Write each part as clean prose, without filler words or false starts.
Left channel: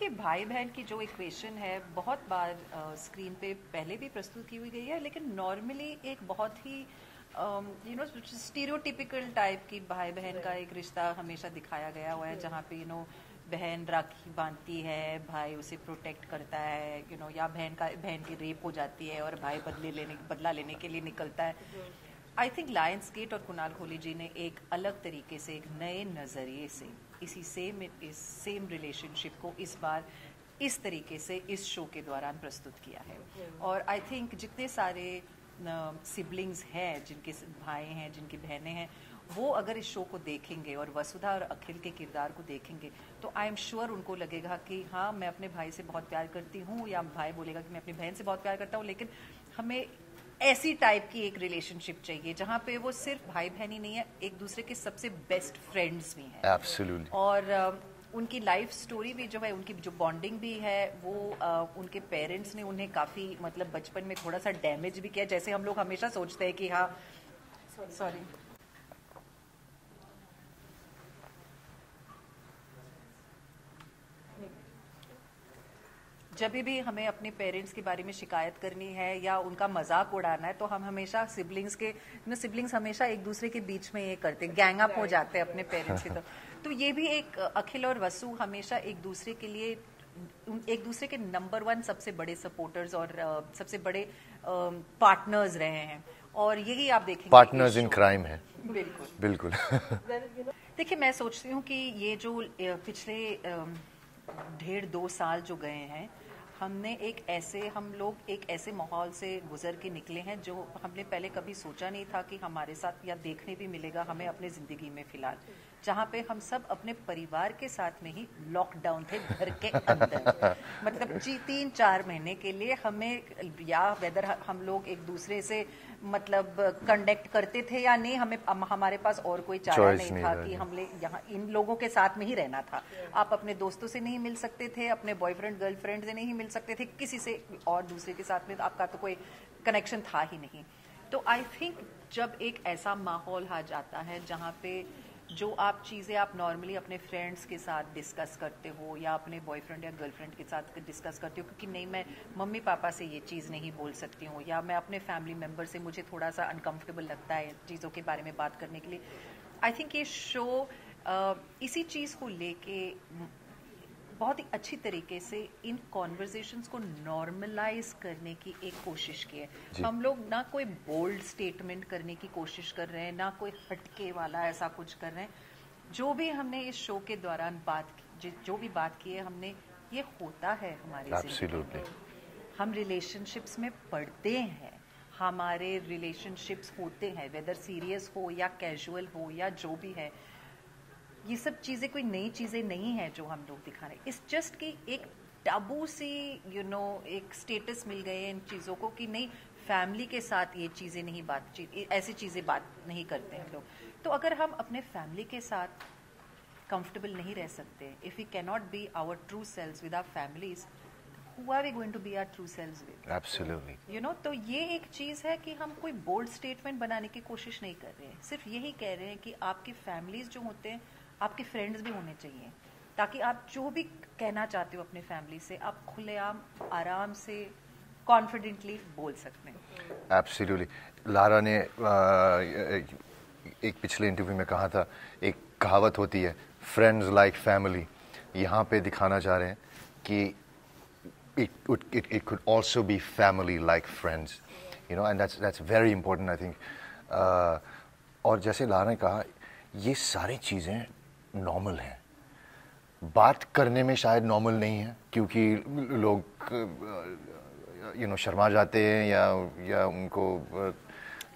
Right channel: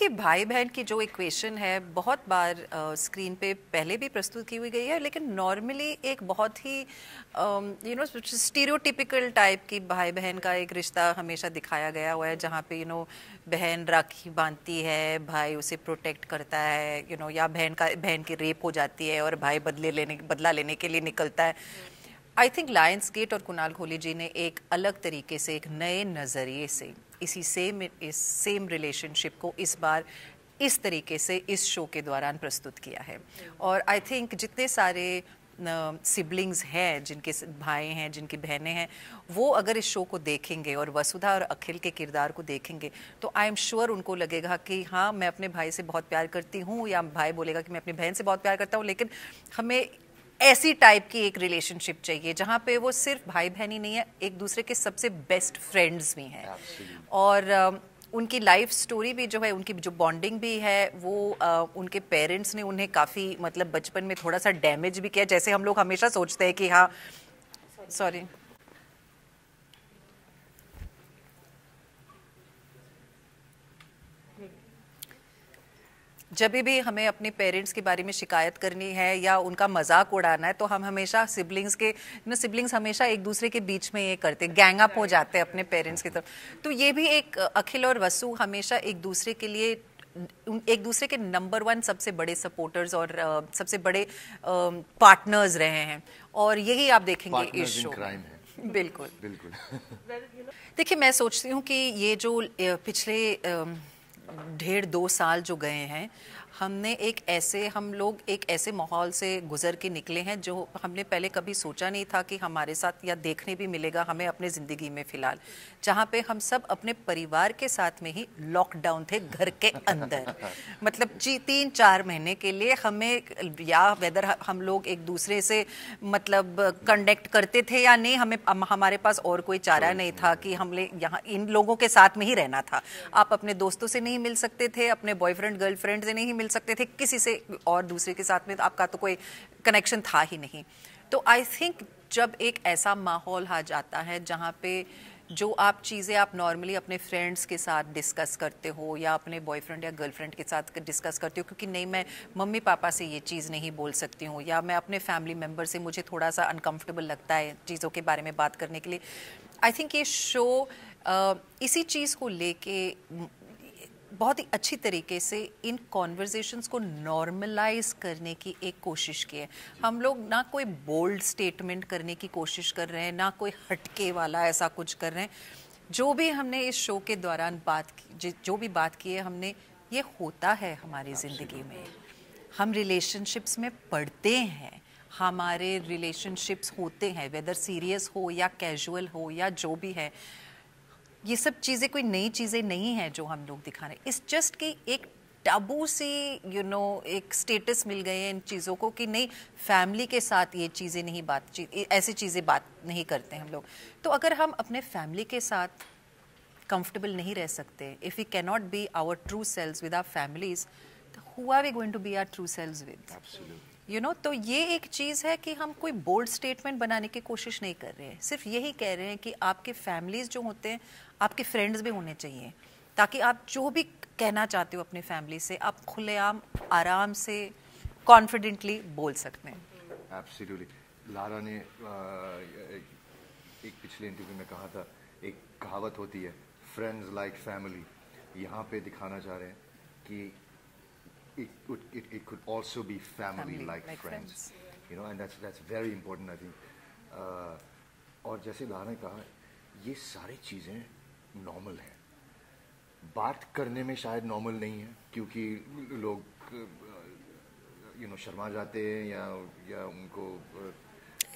देखिए भाई बहन की जो इक्वेशन है बहुत बार स्क्रीन पे पहले भी प्रस्तुत की हुई गई है, लेकिन नॉर्मली एक बहुत ही स्टीरियोटिपिकल टाइप की भाई बहन का एक रिश्ता हमेशा दिखाया गया हुआ है, जहाँ पे बहन राखी बांधती है, भाई उसे प्रोटेक्ट करता है, या बहन की रेप हो जाती है और भाई बदला लेने के लिए निकलता है। आई थिंक लायंस गेट और कुणाल खोली जी ने एक अलग तरीके से, एक नए नज़रिए से इस सेम रिलेशनशिप को इस बार इस तरीके से इस शो के दौरान प्रस्तुत किया है। और आई थिंक जितने सारे सिबलिंग्स हैं, जिनके भाई हैं, जिनकी बहनें हैं, वो अगर इस शो को देखेंगे और वसुधा और अखिल के किरदार को देखेंगे तो आई एम श्योर उनको लगेगा कि हाँ, मैं अपने भाई से बहुत प्यार करती हूँ, या भाई बोलेगा कि मैं अपनी बहन से बहुत प्यार करता हूँ, लेकिन हमें ऐसी टाइप की एक रिलेशनशिप चाहिए जहाँ पे वो सिर्फ भाई बहन ही नहीं है, एक दूसरे के सबसे बेस्ट फ्रेंड्स भी हैं। Absolutely. और उनकी लाइफ स्टोरी भी जो है, उनकी जो बॉन्डिंग भी है, वो उनके पेरेंट्स ने उन्हें काफ़ी मतलब बचपन में थोड़ा सा डैमेज भी किया, जैसे हम लोग हमेशा सोचते हैं कि हाँ, सॉरी, जब भी हमें अपने पेरेंट्स के बारे में शिकायत करनी है या उनका मजाक उड़ाना है, तो हम हमेशा सिबलिंग्स हमेशा एक दूसरे के बीच में ये करते, गैंग अप हो जाते हैं अपने पेरेंट्स की तरफ। तो ये भी एक अखिल और वसु हमेशा एक दूसरे के लिए, एक दूसरे के नंबर 1 सबसे बड़े सपोर्टर्स और सबसे बड़े पार्टनर्स रहे हैं, और यही आप देखेंगे पार्टनर्स इन क्राइम है। बिल्कुल बिल्कुल। देखिए, मैं सोचती हूँ कि ये जो पिछले 1.5-2 साल जो गए हैं, हम लोग एक ऐसे माहौल से गुजर के निकले हैं जो हमने पहले कभी सोचा नहीं था कि हमारे साथ या देखने भी मिलेगा हमें अपने ज़िंदगी में फ़िलहाल, जहाँ पे हम सब अपने परिवार के साथ में ही लॉकडाउन थे घर के अंदर। मतलब जी 3-4 महीने के लिए हमें, या वेदर हम लोग एक दूसरे से मतलब कनेक्ट करते थे या नहीं, हमारे पास और कोई चारा नहीं था कि हमने यहाँ इन लोगों के साथ में ही रहना था। आप अपने दोस्तों से नहीं मिल सकते थे, अपने बॉयफ्रेंड गर्लफ्रेंड से नहीं मिल सकते थे, किसी से और दूसरे के साथ में आपका तो कोई कनेक्शन था ही नहीं। तो आई थिंक जब एक ऐसा माहौल आ जाता है जहाँ पे जो आप चीज़ें आप नॉर्मली अपने फ्रेंड्स के साथ डिस्कस करते हो या अपने बॉयफ्रेंड या गर्लफ्रेंड के साथ डिस्कस करते हो, क्योंकि नहीं मैं मम्मी पापा से ये चीज़ नहीं बोल सकती हूँ, या मैं अपने फैमिली मेम्बर से मुझे थोड़ा सा अनकंफर्टेबल लगता है चीज़ों के बारे में बात करने के लिए। आई थिंक ये शो इसी चीज़ को लेके बहुत ही अच्छी तरीके से इन कॉन्वर्जेशंस को नॉर्मलाइज करने की एक कोशिश की है। हम लोग ना कोई बोल्ड स्टेटमेंट करने की कोशिश कर रहे हैं, ना कोई हटके वाला ऐसा कुछ कर रहे हैं। जो भी हमने इस शो के दौरान जो भी बात की है हमने, ये होता है हमारी ज़िंदगी में। हम रिलेशनशिप्स में पढ़ते हैं, हमारे रिलेशनशिप्स होते हैं, वेदर सीरियस हो या कैजुअल हो या जो भी है। ये सब चीज़ें कोई नई चीज़ें नहीं हैं जो हम लोग दिखा रहे हैं। इस जस्ट कि एक टाबू सी एक स्टेटस मिल गए हैं इन चीज़ों को कि नहीं, फैमिली के साथ ये चीज़ें नहीं, ऐसी चीज़ें बात नहीं करते हम लोग। तो अगर हम अपने फैमिली के साथ कंफर्टेबल नहीं रह सकते, if we cannot be our true selves with our families, who are we going to be our true selves with? Absolutely. तो ये एक चीज़ है कि हम कोई बोल्ड स्टेटमेंट बनाने की कोशिश नहीं कर रहे हैं, सिर्फ यही कह रहे हैं कि आपके फैमिलीज जो होते हैं, आपके फ्रेंड्स भी होने चाहिए, ताकि आप जो भी कहना चाहते हो अपने फैमिली से, आप खुलेआम आराम से कॉन्फिडेंटली बोल सकते हैं। Absolutely. लारा ने एक पिछले इंटरव्यू में कहा था, एक कहावत होती है, फ्रेंड्स लाइक फैमिली। यहाँ पे दिखाना चाह रहे हैं कि it could also be family like friends, and that's very important, I think. और जैसे लारा ने कहा, ये सारी चीज़ें नॉर्मल हैं। बात करने में शायद नॉर्मल नहीं है, क्योंकि लोग शर्मा जाते हैं या उनको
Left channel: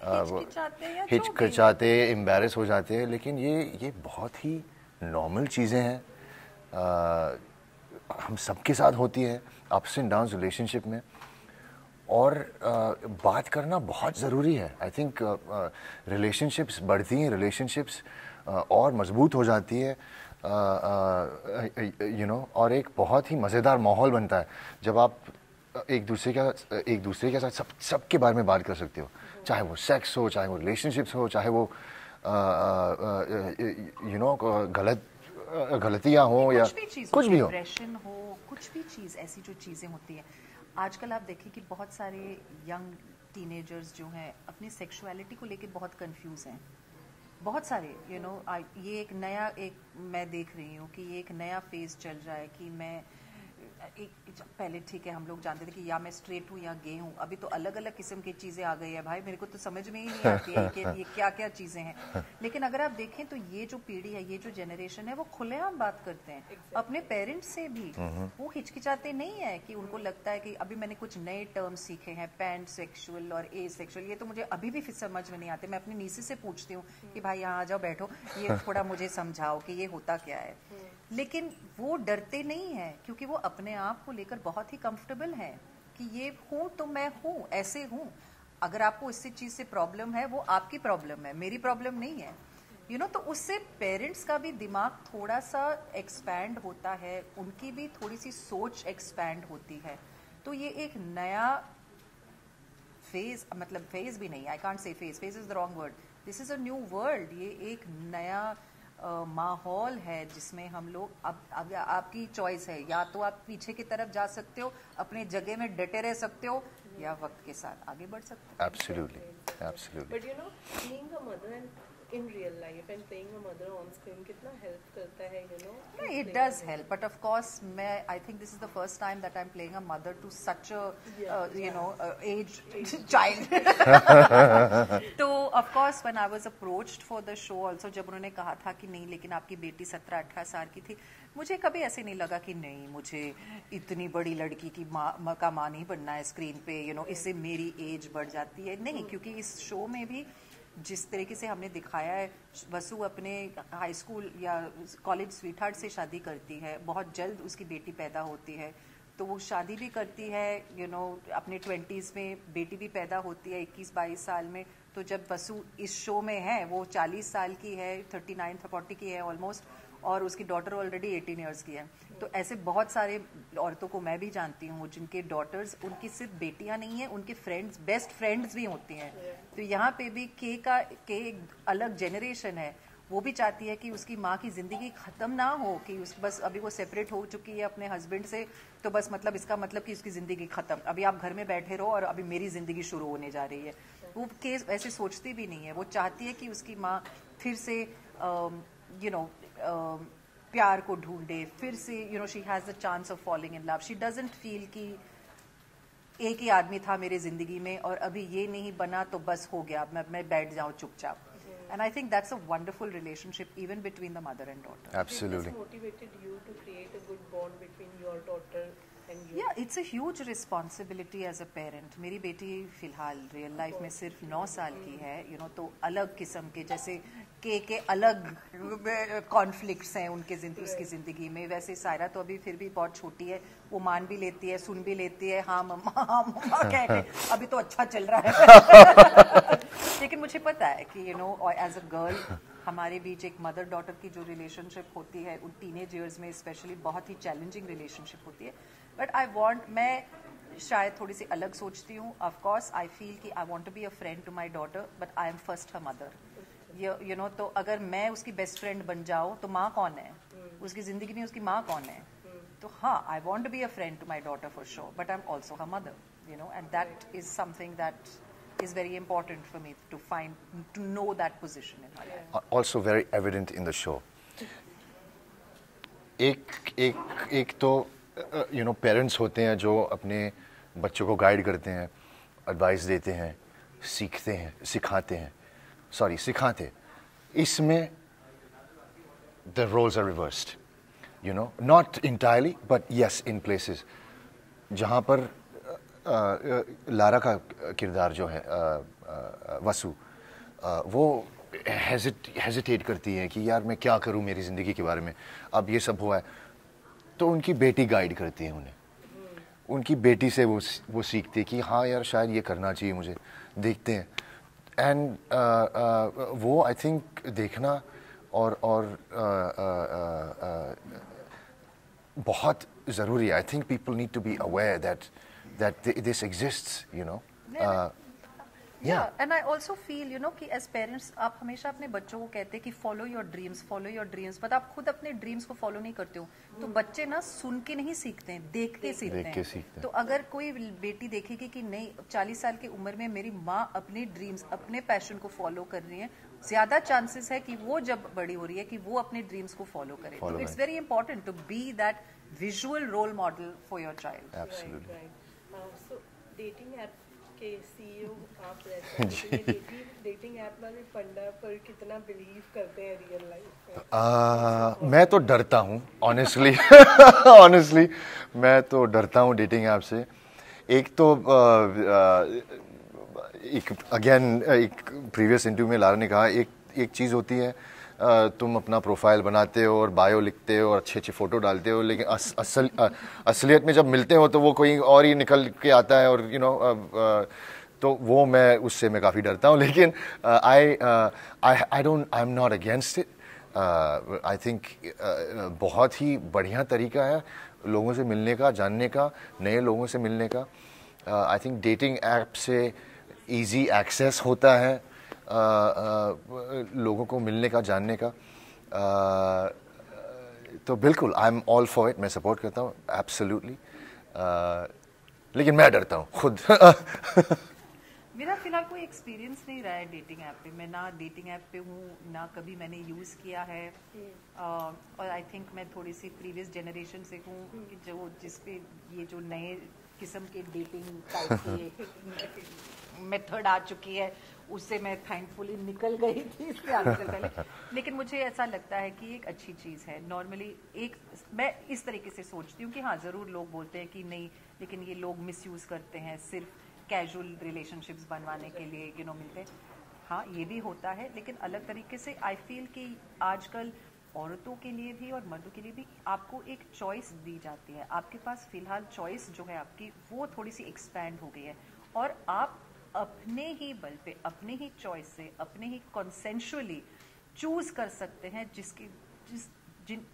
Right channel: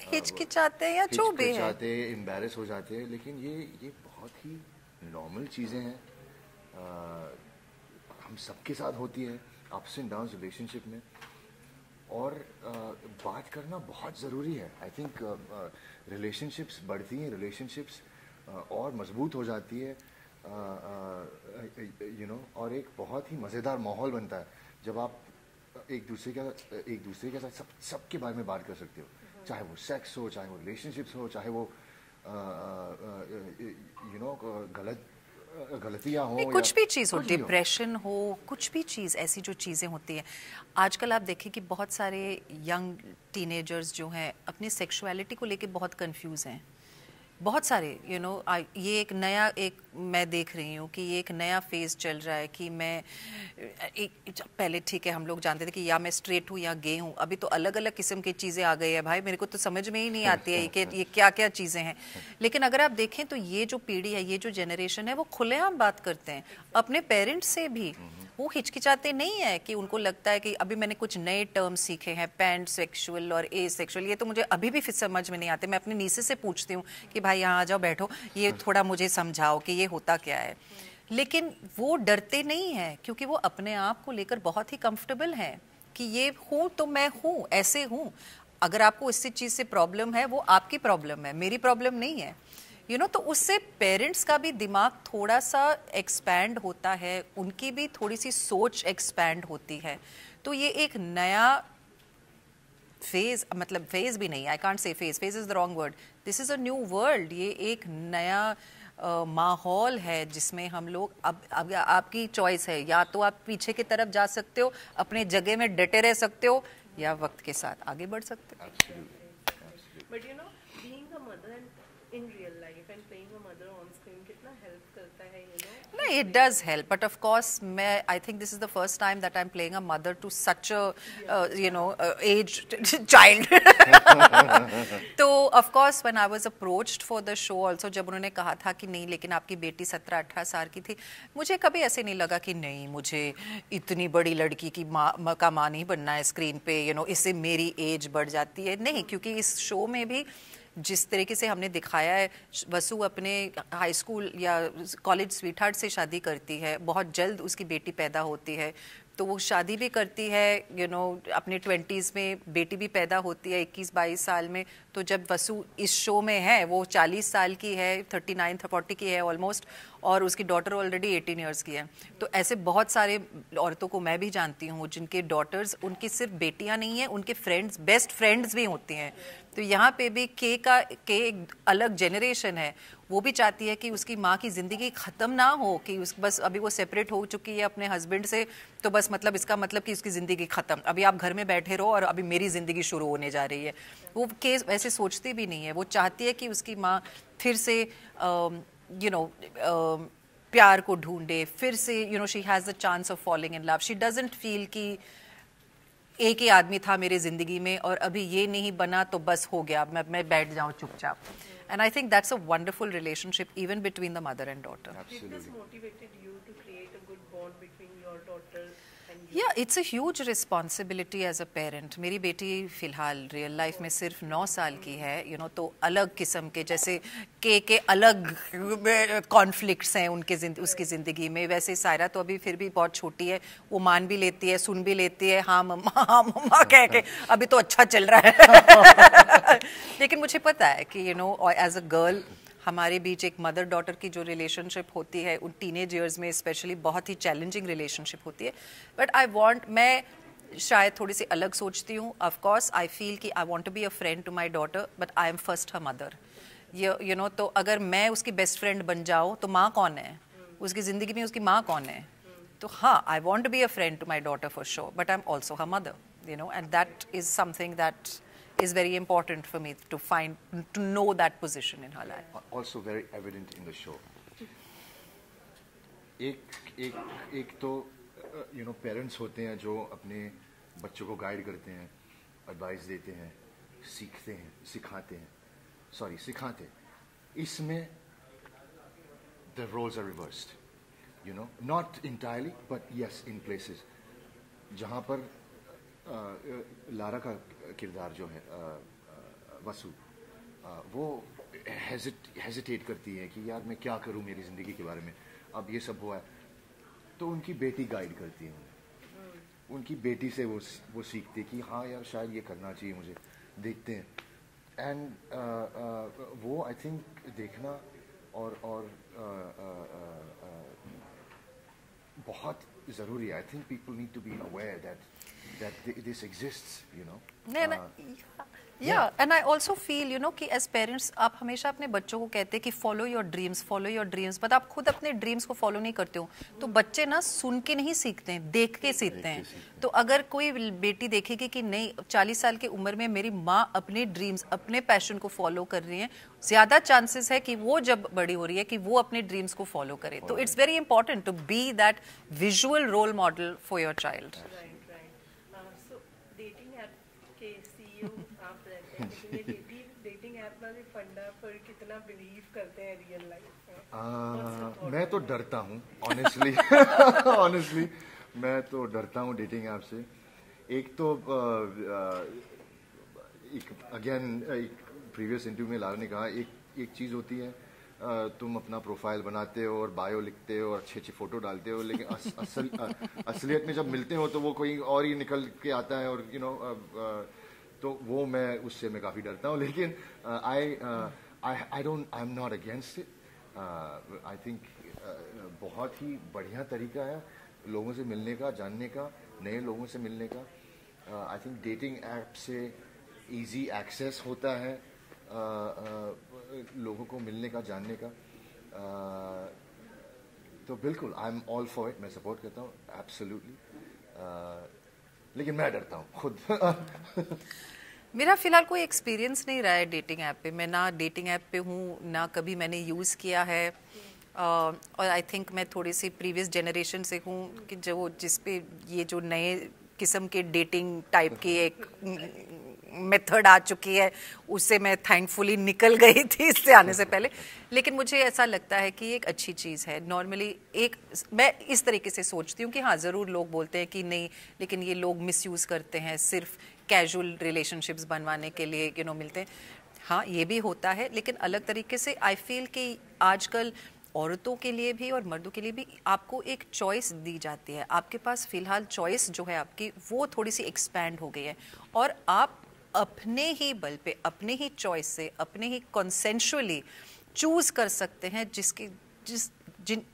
हिचकिचाते हैं या जो भी हिचकिचाते, एम्बैरेस हो जाते हैं, लेकिन ये बहुत ही नॉर्मल चीज़ें हैं। हम सबके साथ होती है, अप्स एंड डाउन्स रिलेशनशिप में, और बात करना बहुत ज़रूरी है। आई थिंक रिलेशनशिप्स बढ़ती हैं, रिलेशनशिप्स और मजबूत हो जाती है, और एक बहुत ही मज़ेदार माहौल बनता है जब आप एक दूसरे के साथ सबके बारे में बात कर सकते हो, चाहे वो सेक्स हो, चाहे वो रिलेशनशिप्स हो, चाहे वो गलत गलतियां हो या कुछ भी चीज़ हो, कुछ भी हो। डिप्रेशन हो, कुछ भी चीज़, ऐसी जो चीज़ें होती हैं आजकल आप देखें कि बहुत सारे यंग टीनेजर्स जो हैं अपनी सेक्सुअलिटी को लेके बहुत कंफ्यूज हैं, बहुत सारे ये एक नया, एक मैं देख रही हूँ कि ये एक नया फेज चल रहा है कि मैं पहले ठीक है हम लोग जानते थे कि या मैं स्ट्रेट हूँ या गे हूँ, अभी तो अलग अलग किस्म की चीज़ें आ गई है भाई, मेरे को तो समझ में ही नहीं आती है कि ये क्या क्या चीज़ें हैं। लेकिन अगर आप देखें तो ये जो पीढ़ी है, ये जो जनरेशन है, वो खुलेआम बात करते हैं अपने पेरेंट्स से भी। वो हिचकिचाते नहीं है कि उनको लगता है कि अभी मैंने कुछ नए टर्म सीखे हैं, पैन सेक्सुअल और ए सेक्सुअल, ये तो मुझे अभी भी फिर समझ में नहीं आते। मैं अपनी नीसे से पूछती हूँ कि भाई यहाँ आ जाओ, बैठो, ये थोड़ा मुझे समझाओ कि ये होता क्या है। लेकिन वो डरते नहीं हैं क्योंकि वो अपने आप को लेकर बहुत ही कंफर्टेबल हैं कि ये हूँ तो मैं हूँ, ऐसे हूँ। अगर आपको इससे चीज़ से प्रॉब्लम है, वो आपकी प्रॉब्लम है, मेरी प्रॉब्लम नहीं है। तो उससे पेरेंट्स का भी दिमाग थोड़ा सा एक्सपैंड होता है, उनकी भी थोड़ी सी सोच एक्सपैंड होती है। तो ये एक नया फेज, मतलब फेज भी नहीं, I can't say phase is the wrong word, this is a new world. ये एक नया माहौल है जिसमें हम लोग अब आपकी चॉइस है, या तो आप पीछे की तरफ जा सकते हो, अपने जगह में डटे रह सकते हो, या वक्त के साथ आगे बढ़ सकते हो। Absolutely, absolutely. But being a mother and in real life and playing a mother on screen कितना help करता है, No, it does help, but of course, I think this is the first time that I'm playing a mother to such a, aged child. तो of course, when I was approached for the show also, जब उन्होंने कहा था कि नहीं लेकिन आपकी बेटी 17-18 साल की थी, मुझे कभी ऐसे नहीं लगा कि नहीं मुझे इतनी बड़ी लड़की की माँ का माँ नहीं बनना है स्क्रीन पे, इससे मेरी एज बढ़ जाती है। नहीं, क्योंकि इस शो में भी जिस तरीके से हमने दिखाया है, वसु अपने हाई स्कूल या कॉलेज स्वीटहार्ट से शादी करती है, बहुत जल्द उसकी बेटी पैदा होती है, तो वो शादी भी करती है, अपने 20s में बेटी भी पैदा होती है 21-22 साल में। तो जब वसु इस शो में है, वो 40 साल की है, 39-40 की है ऑलमोस्ट, और उसकी डॉटर ऑलरेडी 18 ईयर्स की है। तो ऐसे बहुत सारे औरतों को मैं भी जानती हूँ जिनके डॉटर्स, उनकी सिर्फ बेटियाँ नहीं हैं, उनके फ्रेंड्स, बेस्ट फ्रेंड्स भी होती हैं। तो यहाँ पे भी के एक अलग जनरेशन है, वो भी चाहती है कि उसकी माँ की ज़िंदगी ख़त्म ना हो, कि बस अभी वो सेपरेट हो चुकी है अपने हस्बैंड से, तो बस मतलब इसका मतलब कि उसकी ज़िंदगी ख़त्म, अभी आप घर में बैठे रहो और अभी मेरी ज़िंदगी शुरू होने जा रही है। वो केस ऐसे सोचती भी नहीं है, वो चाहती है कि उसकी माँ फिर से प्यार को ढूंढे, फिर से she has the chance of falling in love. She doesn't feel कि एक ही आदमी था मेरी ज़िंदगी में और अभी ये नहीं बना तो बस हो गया, मैं बैठ जाऊँ चुपचाप। And I think that's a wonderful relationship even between the mother and daughter. Absolutely. This motivated you to create a good bond between your daughter and you. Yeah, it's a huge responsibility as a parent. मेरी बेटी फिलहाल real life में सिर्फ 9 साल की है, तो अलग किस्म के, जैसे के अलग कॉन्फ्लिक्ट्स हैं उसकी ज़िंदगी में। वैसे सायरा तो अभी फिर भी बहुत छोटी है, वो मान भी लेती है, सुन भी लेती है, हाँ मम्मा कह के अभी तो अच्छा चल रहा है। लेकिन मुझे पता है कि एज अ गर्ल हमारे बीच एक मदर डॉटर की जो रिलेशनशिप होती है, उन टीनेज ईयर्स में स्पेशली बहुत ही चैलेंजिंग रिलेशनशिप होती है। बट मैं शायद थोड़ी सी अलग सोचती हूँ। ऑफ कोर्स आई फील कि I want to be a friend to my daughter, but I am first her mother. तो अगर मैं उसकी बेस्ट फ्रेंड बन जाऊँ तो माँ कौन है उसकी ज़िंदगी में, उसकी माँ कौन है? तो हाँ, I want to be a friend to my daughter for sure, but I am also her mother, and that is something that is very important for me to know that position in her life. Also very evident in the show. एक तो parents होते हैं जो अपने बच्चों को guide करते हैं, एडवाइस देते हैं, सिखाते। इसमें the roles are reversed, not entirely, but yes, in places. जहाँ पर लारा का किरदार जो है वसु, वो हेजिटेट करती है कि यार मैं क्या करूँ मेरी ज़िंदगी के बारे में, अब ये सब हुआ है, तो उनकी बेटी गाइड करती है उन्हें। उनकी बेटी से वो सीखती है कि हाँ यार शायद ये करना चाहिए मुझे, देखते हैं। एंड वो आई थिंक देखना और बहुत ज़रूरी है। I think people need to be aware that this exists, Yeah, and I also feel, you know, कि as parents आप हमेशा अपने बच्चों को कहते हैं कि follow your dreams, but आप खुद अपने dreams को follow नहीं करते हो, तो बच्चे ना सुन के नहीं सीखते हैं, देख के सीखते हैं। तो अगर कोई बेटी देखेगी कि नहीं 40 साल की उम्र में मेरी माँ अपने ड्रीम्स, अपने पैशन को फॉलो कर रही है, ज्यादा चांसेस है कि वो जब बड़ी हो रही है कि वो अपने ड्रीम्स को फॉलो करे। तो it's very important to be that visual role model for your child. So dating app के सीईओ आप रहते हैं, लेकिन ये डेटिंग ऐप वाले फंडा पर कितना बिलीव करते हैं रियल लाइफ में? मैं तो डरता हूँ ऑनेस्टली मैं तो डरता हूँ डेटिंग ऐप से। एक तो एक प्रीवियस इंटरव्यू में लारा ने कहा एक चीज़ होती है, तुम अपना प्रोफाइल बनाते हो और बायो लिखते हो और अच्छे अच्छे फ़ोटो डालते हो, लेकिन असलियत में जब मिलते हो तो वो कोई और ही निकल के आता है, और तो वो उससे मैं काफ़ी डरता हूँ। लेकिन I am not against it. I think बहुत ही बढ़िया तरीका है लोगों से मिलने का, जानने का, नए लोगों से मिलने का। आई थिंक डेटिंग ऐप से इजी एक्सेस होता है लोगों को मिलने का, जानने का। तो बिल्कुल I am all for it, मैं सपोर्ट करता हूँ एब्सोल्युटली। लेकिन मैं डरता हूँ खुद। मेरा फिलहाल कोई एक्सपीरियंस नहीं रहा है डेटिंग ऐप पे। मैं ना डेटिंग ऐप पे हूँ, ना कभी मैंने यूज़ किया है। और आई थिंक मैं थोड़ी सी प्रीवियस जनरेशन से हूँ कि जो जिस पे ये जो नए किस्म के डेटिंग टाइप की एक मेथड आ चुकी है, उससे मैं थैंकफुली निकल गई थी इससे आने से पहले। लेकिन मुझे ऐसा लगता है कि एक अच्छी चीज़ है। नॉर्मली मैं इस तरीके से सोचती हूँ कि हाँ ज़रूर लोग बोलते हैं कि नहीं, लेकिन ये लोग मिसयूज़ करते हैं, सिर्फ कैजुअल रिलेशनशिप्स बनवाने के लिए मिलते हैं। हाँ ये भी होता है, लेकिन अलग तरीके से आई फील कि आजकल औरतों के लिए भी और मर्दों के लिए भी आपको एक चॉइस दी जाती है। आपके पास फ़िलहाल चॉइस जो है आपकी वो थोड़ी सी एक्सपैंड हो गई है, और आप अपने ही बल पे, अपने ही चॉइस से, अपने ही कंसेंशुअली चूज़ कर सकते हैं जिन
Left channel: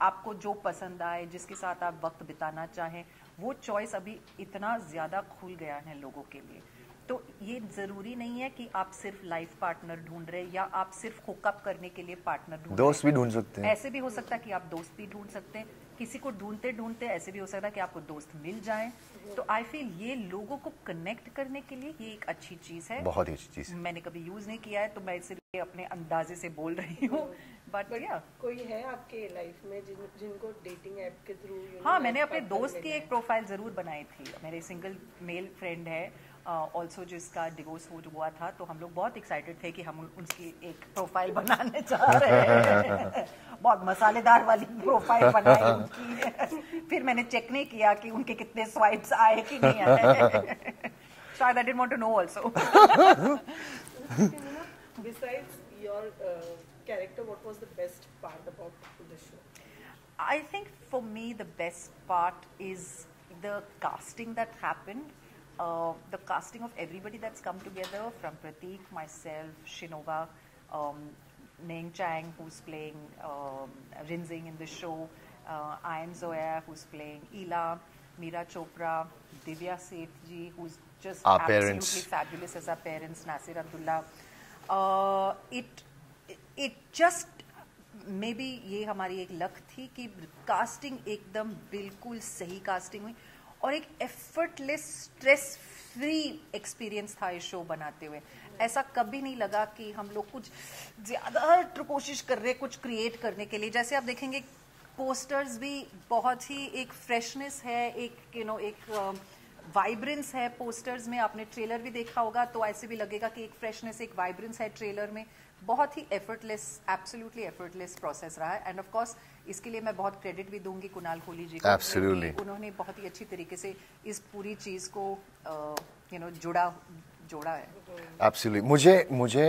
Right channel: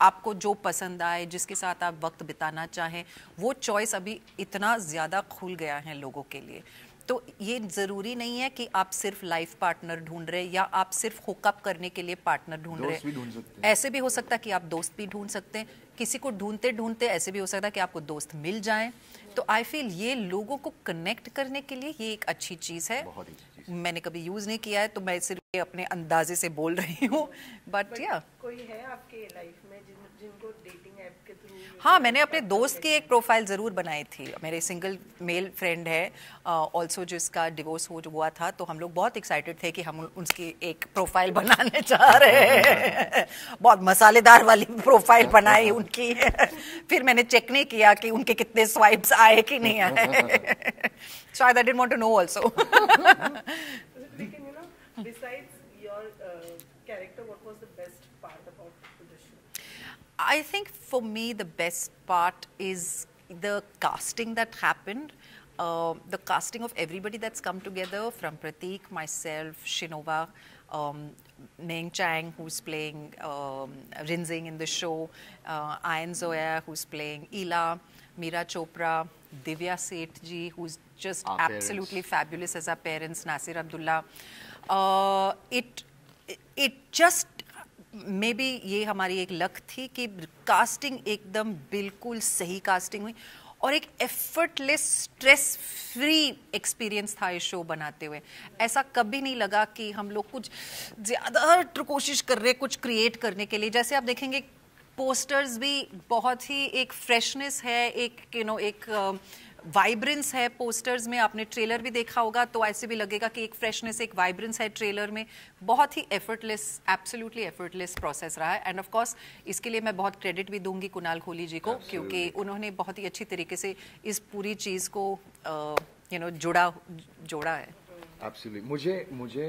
आपको जो पसंद आए, जिसके साथ आप वक्त बिताना चाहें। वो चॉइस अभी इतना ज़्यादा खुल गया है लोगों के लिए। तो ये ज़रूरी नहीं है कि आप सिर्फ लाइफ पार्टनर ढूंढ रहे हैं या आप सिर्फ हुकअप करने के लिए पार्टनर ढूंढ रहे हैं। दोस्त भी ढूंढ सकते हैं। ऐसे भी हो सकता है कि आप दोस्त भी ढूंढ सकते हैं। किसी को ढूंढते ढूंढते ऐसे भी हो सकता है कि आपको दोस्त मिल जाए। तो आई फील ये लोगों को कनेक्ट करने के लिए ये एक अच्छी चीज़ है। बहुत ही अच्छी चीज़। मैंने कभी यूज़ नहीं किया है, तो मैं सिर्फ अपने अंदाजे से बोल रही हूँ। बट या कोई है आपके लाइफ में जिनको डेटिंग ऐप के थ्रू? हाँ, मैंने अपने दोस्त की एक प्रोफाइल ज़रूर बनाई थी। मेरे सिंगल मेल फ्रेंड है ऑल्सो, जिसका डिवोर्स हुआ था, तो हम लोग बहुत एक्साइटेड थे कि हम उसकी एक प्रोफाइल बनाने जा रहे हैं। बहुत मसालेदार वाली प्रोफाइल बनाई उनकी। फिर मैंने चेक नहीं किया कि उनके कितने स्वाइप्स आए कि नहीं आए। शायद I didn't want to know also. Besides your character, what was the best part about the show? I think for me the best part is the casting that happened. The casting of everybody that's come together, from Prateek, myself, Shinova, Ning Chang, who's playing Rinzing in the show, Ayan Zoya, who's playing Ila, Meera Chopra, Divya Sethji, who's just our absolutely parents. fabulous as our parents, Nasir Abdullah. It just maybe ये हमारी एक luck थी कि casting एकदम बिल्कुल सही casting हुई, और एक एफर्टलेस, स्ट्रेस फ्री एक्सपीरियंस था इस शो बनाते हुए। ऐसा कभी नहीं लगा कि हम लोग कुछ ज़्यादा कोशिश कर रहे कुछ क्रिएट करने के लिए। जैसे आप देखेंगे पोस्टर्स भी बहुत ही एक फ्रेशनेस है, एक वाइब्रेंस है पोस्टर्स में। आपने ट्रेलर भी देखा होगा, तो ऐसे भी लगेगा कि एक फ्रेशनेस, एक वाइब्रेंस है ट्रेलर में। बहुत ही एफर्टलेस, एब्सोल्युटली एफर्टलेस प्रोसेस रहा है। एंड ऑफ कोर्स इसके लिए मैं बहुत क्रेडिट भी दूंगी कुणाल खोली जी को, क्योंकि उन्होंने बहुत ही अच्छी तरीके से इस पूरी चीज़ को जोड़ा है। एब्सोल्युटली। मुझे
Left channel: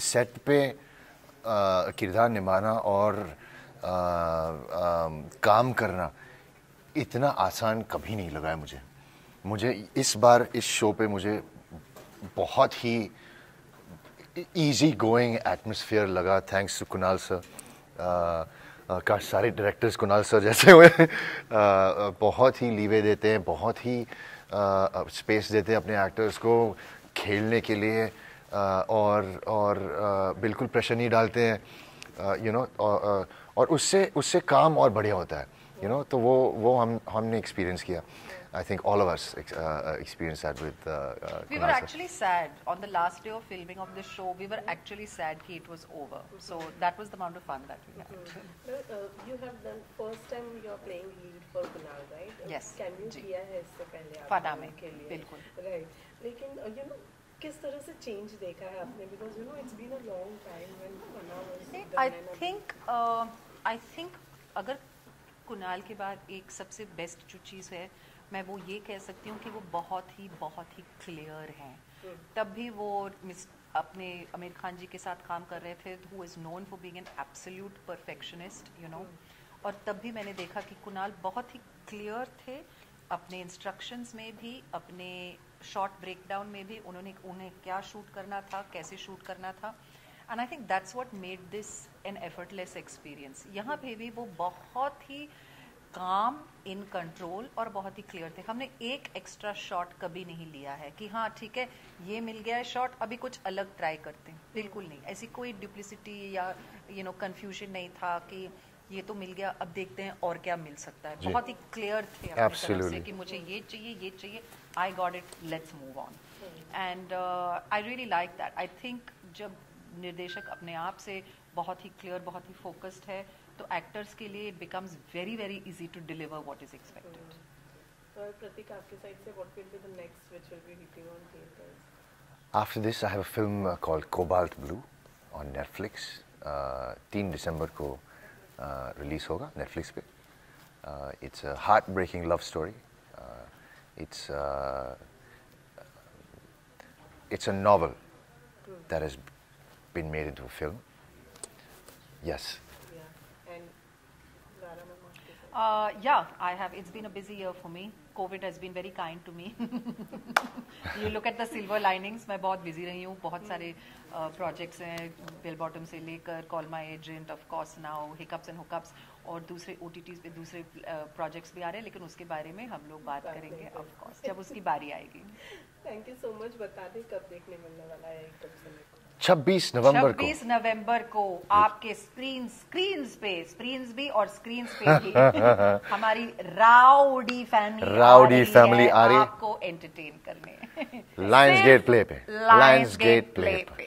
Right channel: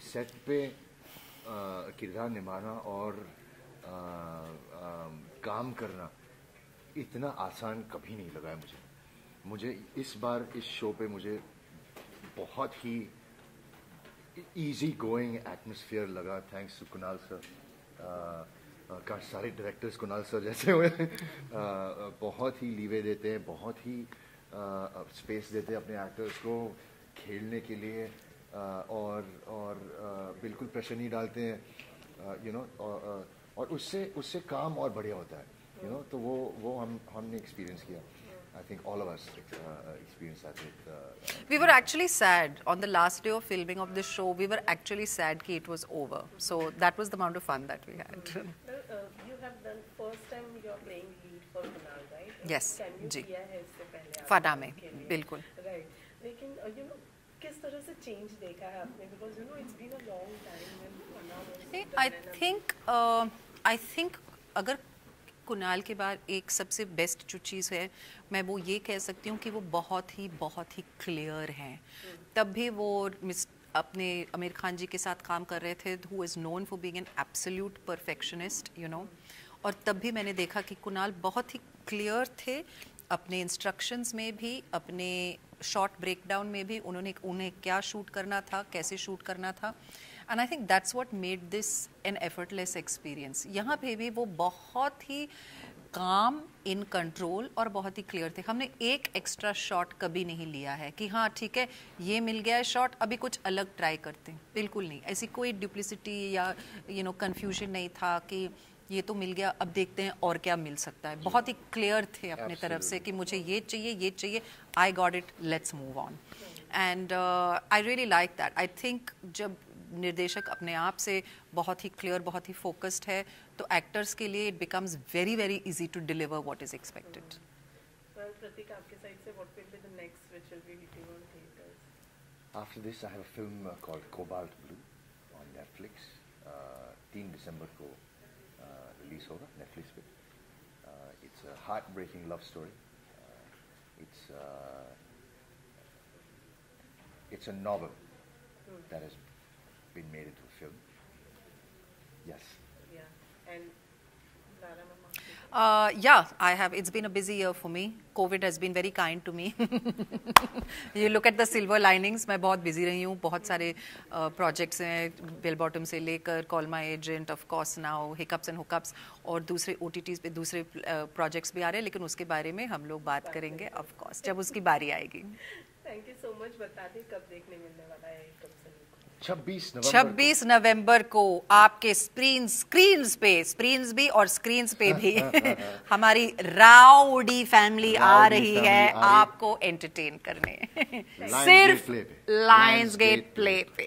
सेट पे किरदार निभाना और काम करना इतना आसान कभी नहीं लगा है मुझे इस बार इस शो पे मुझे बहुत ही इजी गोइंग एटमॉस्फेयर लगा, थैंक्स टू कुणाल सर। काश सारे डायरेक्टर्स कुणाल सर जैसे हुए। बहुत ही लीवे देते हैं, बहुत ही स्पेस देते हैं अपने एक्टर्स को, खेलने के लिए और बिल्कुल प्रेशर नहीं डालते हैं, यू नो, और उससे काम और बढ़िया होता है, यू नो। तो वो हमने एक्सपीरियंस किया. I think all of us experienced that with. We were actually sad on the last day of filming of the show. We were actually sad that it was over. So that was the amount of fun that we had. You have done first time you are playing lead for Kunal, right? Yes. Can you किया है इससे पहले? फना में, बिल्कुल. Right. लेकिन you know किस तरह से change देखा है आपने? Because you know it's been a long time when Kunal was. I think अगर कुणाल के बाद एक सबसे बेस्ट जो चीज़ है, मैं वो ये कह सकती हूँ कि वो बहुत ही क्लियर हैं. तब भी वो अपने आमिर खान जी के साथ काम कर रहे थे, who is known for being an absolute perfectionist, you know. और तब भी मैंने देखा कि कुणाल बहुत ही क्लियर थे अपने इंस्ट्रक्शंस में भी, अपने शॉट ब्रेकडाउन में भी. उन्हें क्या शूट करना था, कैसे शूट करना था. And I think that's what made this an effortless experience. यहाँ पे भी वो बहुत ही काम, इन कंट्रोल और बहुत ही क्लियर थे. हमने एक एक्स्ट्रा शॉट कभी नहीं लिया है कि हाँ ठीक है ये मिल गया है शॉट, अभी कुछ अलग ट्राई करते हैं. बिल्कुल नहीं. ऐसी कोई डुप्लिसिटी या यू नो कन्फ्यूजन नहीं था कि ये तो मिल गया, अब देखते हैं और क्या मिल सकता है. बहुत ही क्लियर थे अपनी तरफ से कि मुझे ये चाहिए, I got it, let's move on. And I really like that. I think जब निर्देशक अपने आप से बहुत ही क्लियर, बहुत ही फोकस्ड है, तो एक्टर्स के लिए it becomes very very easy to deliver what is expected. Prateek, आपके साइड से what will be the next which will be hitting on theatres? After this, I have a film called Cobalt Blue on Netflix. 3 दिसंबर को release होगा Netflix पे. It's a heartbreaking love story. It's a novel that has been made into a film. Yes. Yeah. And Zara mama. Yeah, I have. It's been a busy year for me. COVID has been very kind to me. You look at the silver linings. मैं बहुत busy रही हूँ. बहुत सारे projects हैं, Bell Bottom से लेकर Call My Agent, of course now Hiccups and Hookups, और दूसरे OTTs पे दूसरे projects भी आ रहे हैं, लेकिन उसके बारे में हम लोग बात करेंगे, of course, जब उसकी बारी आएगी. Thank you so much. बता दें कब देखने मिलने वाला है Hiccups and Hookups? 26 नवंबर को आपके स्क्रीन्स भी और स्क्रीन्स पे भी हमारी राउडी फैमिली आ रही है आपको एंटरटेन करने. लायंस गेट प्ले पे.